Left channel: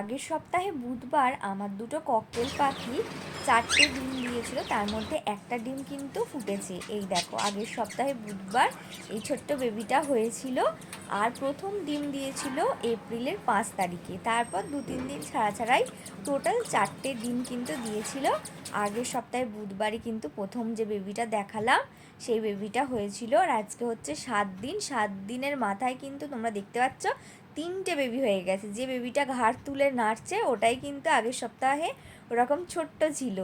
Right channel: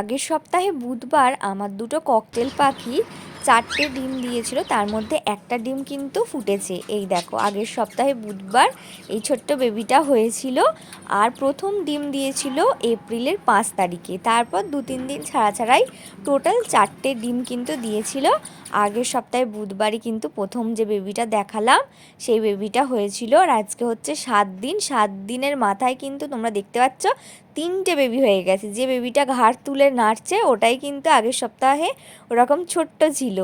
আগের সপ্তাহে বুধবার আমার দুটো ককটেল পাখি 4টে ডিম দিয়েছিল, তার মধ্যে একটা ডিম কিন্তু ফুটেছে। এই দেখো, আগের সপ্তাহে বুধবার এই ছোট্ট বেবিটা হয়েছিল। আর প্রথম ডিম দিয়েছিল এপ্রিলের 5 তারিখে। তারপর 2-3 দিন ছাড়া ছাড়াই টোটাল 4টে ডিম কিন্তু দিয়েছিল। আগের সপ্তাহে বুধবারই কিন্তু প্রথম যে বেবিটা দেখালাম সেই বেবিটা হয়েছিল। আর আজকে হচ্ছে 7 দিন। 7 দিনের মাথায় কিন্তু তোমরা দেখতে পাচ্ছ 3টে বেবি হয়ে গেছে। যে বেবিটা ঘাড় তুলে নাড়ছে ওটাই কিন্তু আগের সপ্তাহে ওরকম ছোট্ট ছিল।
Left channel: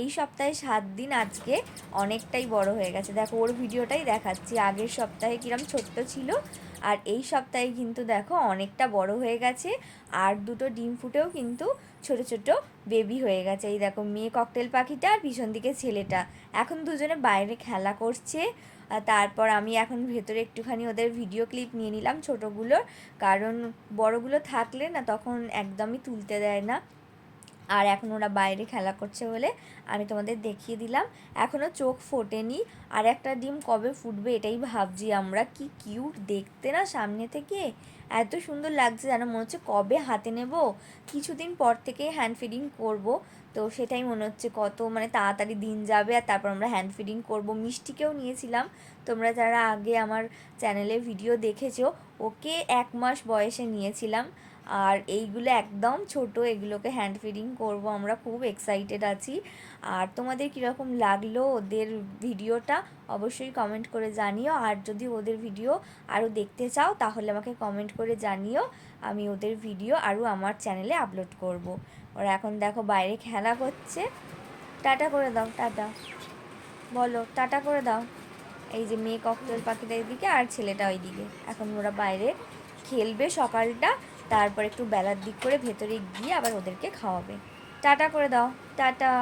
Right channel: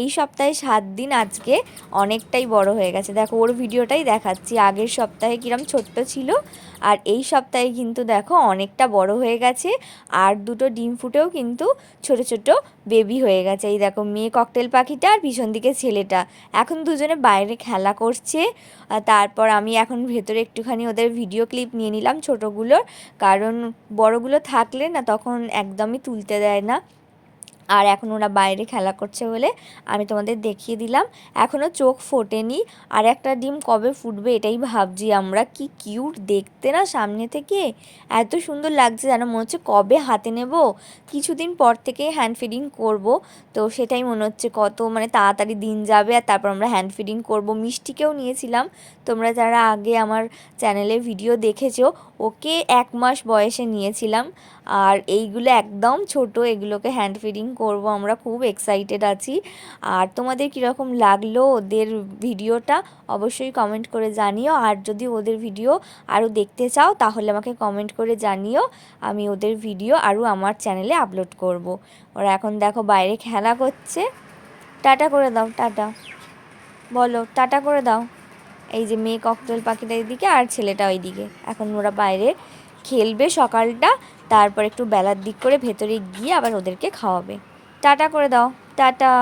এই সপ্তাহে 7 দিন, আজকে অনেকটাই বড় হয়ে গেছে। দেখো, ওর ভিডিওটাই দেখাচ্ছি। আগের সপ্তাহে কিরম ছোট্ট ছিল, আর এই সপ্তাহে কিন্তু দেখো অনেকটা বড় হয়ে গেছে। আর দুটো ডিম ফুটেও কিন্তু ছোট ছোট বেবি হয়ে গেছে। এই দেখো, মেয়ে ককটেল পাখিটা আর পিছন দিকে ছেলেটা এখন দুজনে বাইরে খেলা করছে। তারপর আমি এখন ভেতরে একটুখানি ওদের ভিডিও ক্লিপ নিয়ে নিলাম ছোটোগুলোর, কারণ বড়গুলো থাকলে না তখন একদমই তুলতে দেয় না। আর এখন ওরা বাইরে খেলা করছে বলে আমি তোমাদের দেখিয়ে দিলাম। এখনও চোখ ফোটেনি। আর একটা ডিম কবে ফুটবে এটাই ভাবছি আমরা। কি কিউট দেখতে না সামনে থেকে, এত সুন্দর লাগছে যেন মনে হচ্ছে কবে হাতে নেব। কিছুদিন পর থেকে হ্যান্ড ফিডিং করব, তো সেটাই মনে হচ্ছে কত মানে তাড়াতাড়ি দিন যাবে। আর তারপর আমরা হ্যান্ড ফিডিং করব। মিষ্টিকেও নিয়েছিলাম, তোমরা যারা আগে আমার চ্যানেলে ভিডিও দেখেছো, ওকে 1 মাস বয়সে নিয়েছিলাম। আর এইগুলো একদম ছোট, এগুলোকে হ্যান্ড ফিডিং করব আমরা। খুব এক্সাইটেড আছি। আর তোমাদের কীরকম লাগলো ওদের ভিডিওটা অবশ্যই কমেন্ট করে জানিও। আর যদি ওদের ভিডিও আরও দেখতে চাও তাহলে আমাকে কমেন্ট করে জানিও, আমি ওদের ভিডিও আরও আমার চ্যানেলে আপলোড করব। ওরা এখন দেখো বাইরে খেলা করছে। টাটা করে দাও, টাটা বলো, টাটা করে দাও। এই যে মেয়ে ককটেল পাখিটা এদিকে আর ছেলেটা ওইদিকে। এখন ওরা বাইরে খেলবে সকালটা, তারপর একটু বেলার দিক করে ভেতরে গিয়ে আবার ওদেরকে খাওয়াবে। টাটা করে দাও, টাটা।